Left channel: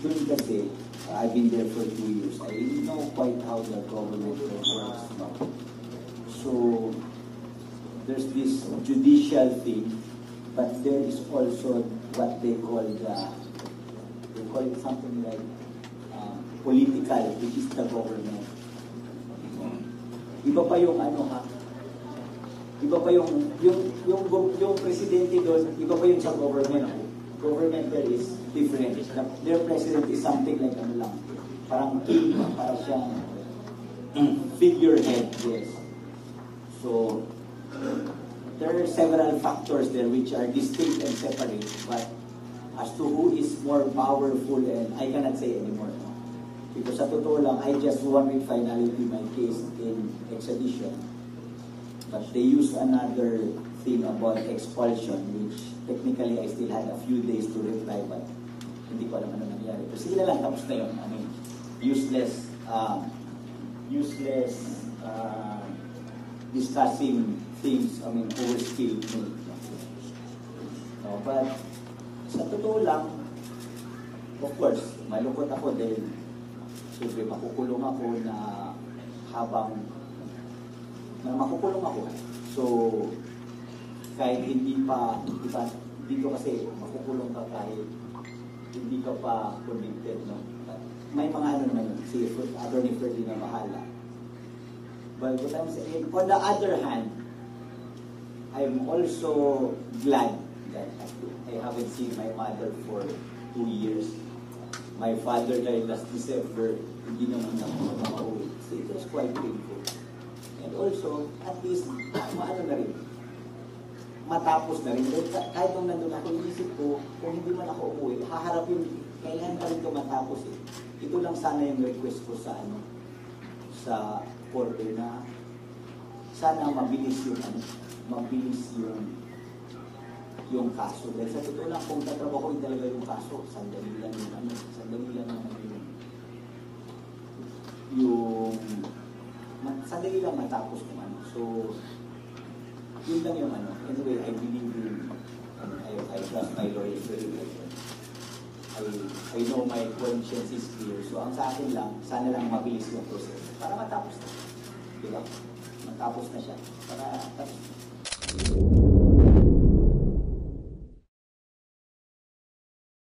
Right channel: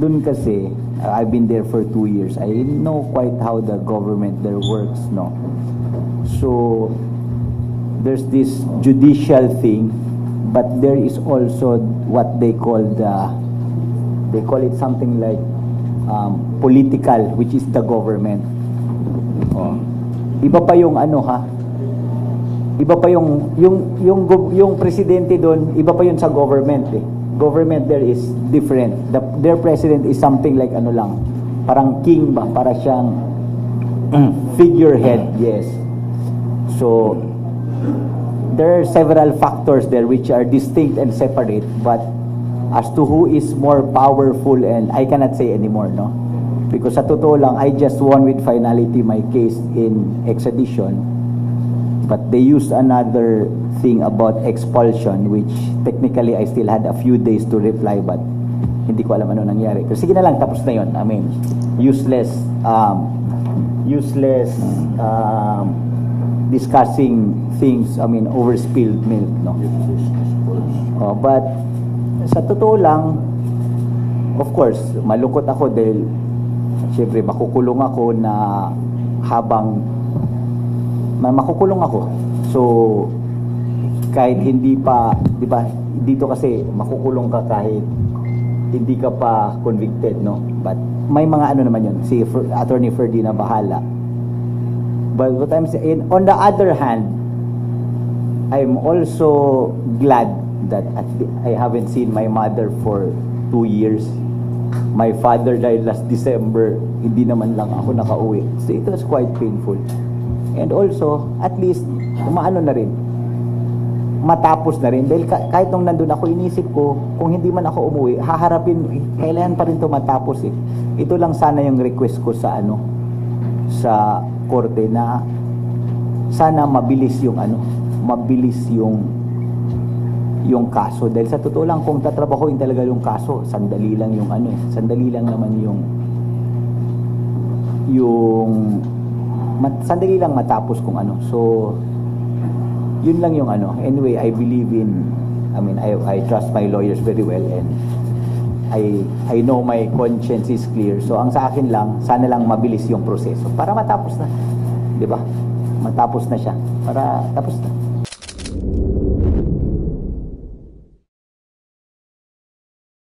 dun kasi, I've been there for 2 years. I know quite how the government there works, no? So, there's this judicial thing, but there is also what they call it something like political, which is the government. Oh. Iba pa yung ano ha? Iba pa yung presidente doon, iba pa yun sa government eh. Government there is different. Their president is something like ano lang, parang king ba, para siyang figurehead, yes. So there are several factors there which are distinct and separate, but as to who is more powerful, and I cannot say anymore, no? Because sa totoo lang, I just won with finality my case in extradition, but they used another thing about expulsion, which technically I still had a few days to reply, but hindi ko alam ano nangyari. So sige na lang, tapos na yun. I mean, useless discussing things, I mean, over spilled milk, no? But sa totoo lang, of course, malungkot ako dahil syempre makukulong ako na habang makukulong ako. So kahit hindi pa, di ba, dito kasi makukulong ka kahit hindi ka pa convicted, no? But may mga ano naman yun, si Attorney Ferdy na bahala. But what I'm saying, on the other hand, I'm also glad that I haven't seen my mother for 2 years. My father died last December, hindi naman lang ako nakauwi. So it was quite painful. And also, at least, umaano na rin, matapos na rin. Dahil kahit nung nandun ako, inisip ko, kung hindi man ako umuwi, haharapin, kailangan pa rin ito matapos eh. Ito lang sana yung request ko sa sa korte na sana mabilis yung kaso. Dahil sa totoo lang, kung tatrabahoin talaga yung kaso, sandali lang naman sandali lang matapos kung ano. So, yun lang yung ano. Anyway, I trust my lawyers very well, and I know my conscience is clear. So, ang sa akin lang, sana lang mabilis yung proseso para matapos na. 'Di ba? Matapos na siya. Para tapos na.